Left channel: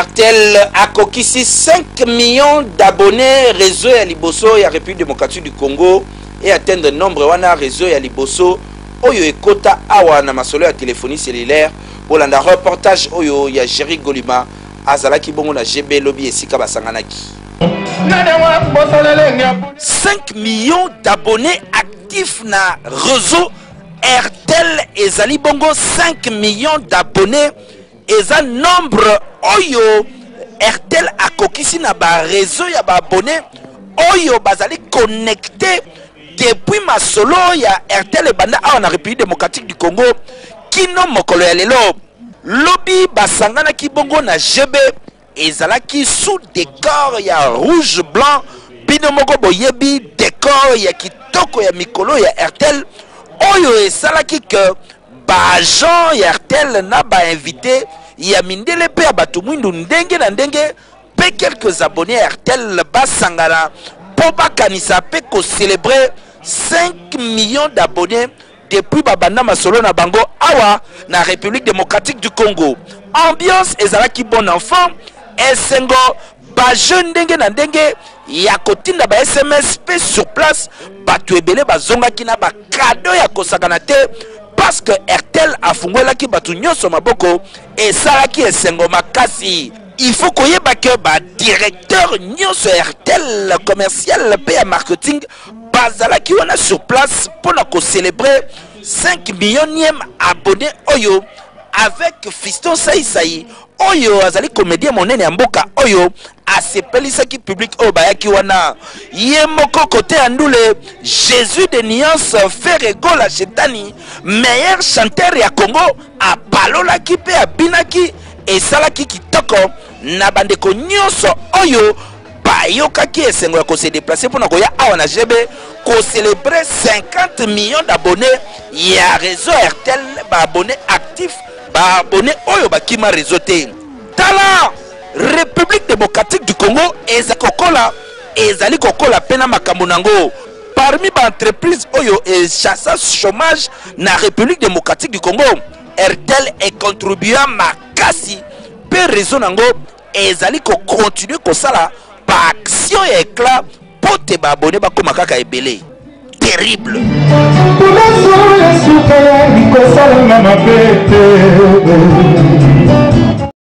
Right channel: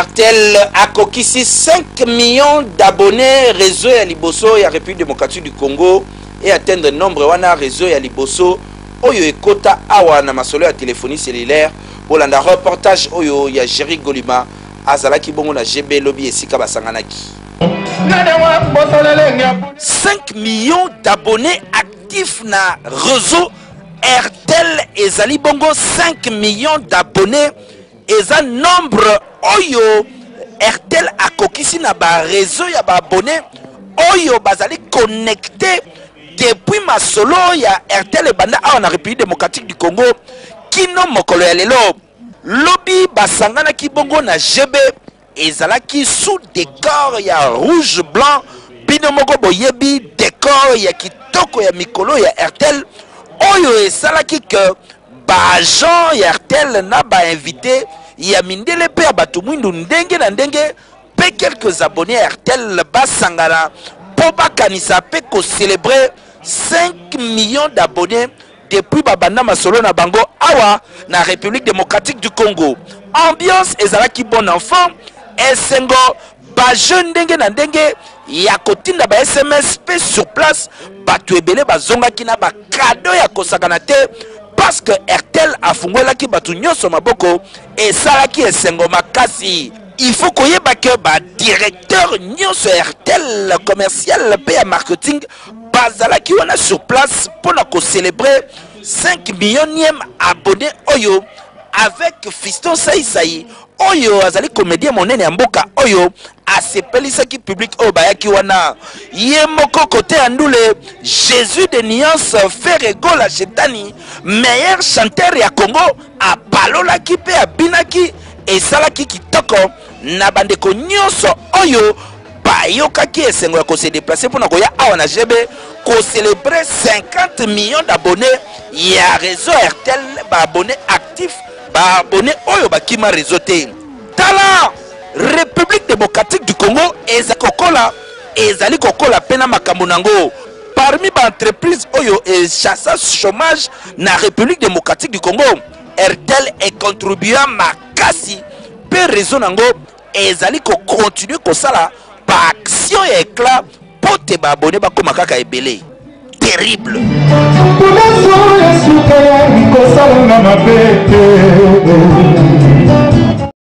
RTL a kokisi 5 millions d'abonnés réseau ya liboso ya République démocratique du Congo et atteindre nombre wana réseau ya liboso oyo ekota awa na masolo ya téléphonie cellulaire pour landa reportage oyo ya Jerry Golima azalaki bongo na GB lobby esika basanganaki. 5 millions d'abonnés actifs na réseau RTL ezali bongo 5 millions d'abonnés eza nombre oyo RTL akokisi na ba réseau ya ba abonnés oyo bazali connecté depuis masolo ya RTL banda awa na République démocratique du Congo kino mokolo ya lelo lobby basangana ki bongo na GB ezalaki sous décor ya rouge blanc bino moko boyebi décor ya kitoko ya mikolo ya RTL oyo esalaki que ba agent ya RTL na ba invité ya mindele pe ya bato mwindu ndenge na ndenge pe quelques abonnés à RTL basangana po bakanisa pe ko célébrer 5 millions d'abonnés depuis babanda masolo na bango awa na République démocratique du Congo. Ambiance ezalaki bon enfant esengo ba jeune ndenge na ndenge ya kotinda ba SMS pe sur place bato ebele bazongaki na ba cadeau ya kosakana te parce que RTL afungolaki bato nyonso maboko esalaki esengo makasi. Il faut koyeba que ba directeur nyonso RTL commercial pe ya marketing bazalaki wana sur place pour na ko célébrer 5 millionième abonnés oyo avec Fiston Saïsaï oyo azali comédien monene ya mboka oyo asepelisaki public oyo bayaki wana ye moko kote andule Jésus de Nuance Ferrego la Chetani meilleur chanteur ya Congo apalolaki pe abinaki esalaki kitoko na bandeko nyonso oyo bayokaki esengo ya ko se déplacer pour na koya awa na GB ko célébrer 50 millions d'abonnés ya réseau RTL ba abonnés actifs ba abonnés oyo bakima réseau te tala République démocratique du Congo ezali kokola pena makambo nango parmi ba entreprise oyo et chassage chômage na République démocratique du Congo RTL est contribuant makasi pe réseau nango ezali ko continuer ko sala pa action et éclat pote ba abonné ba koma kaka ebele terrible.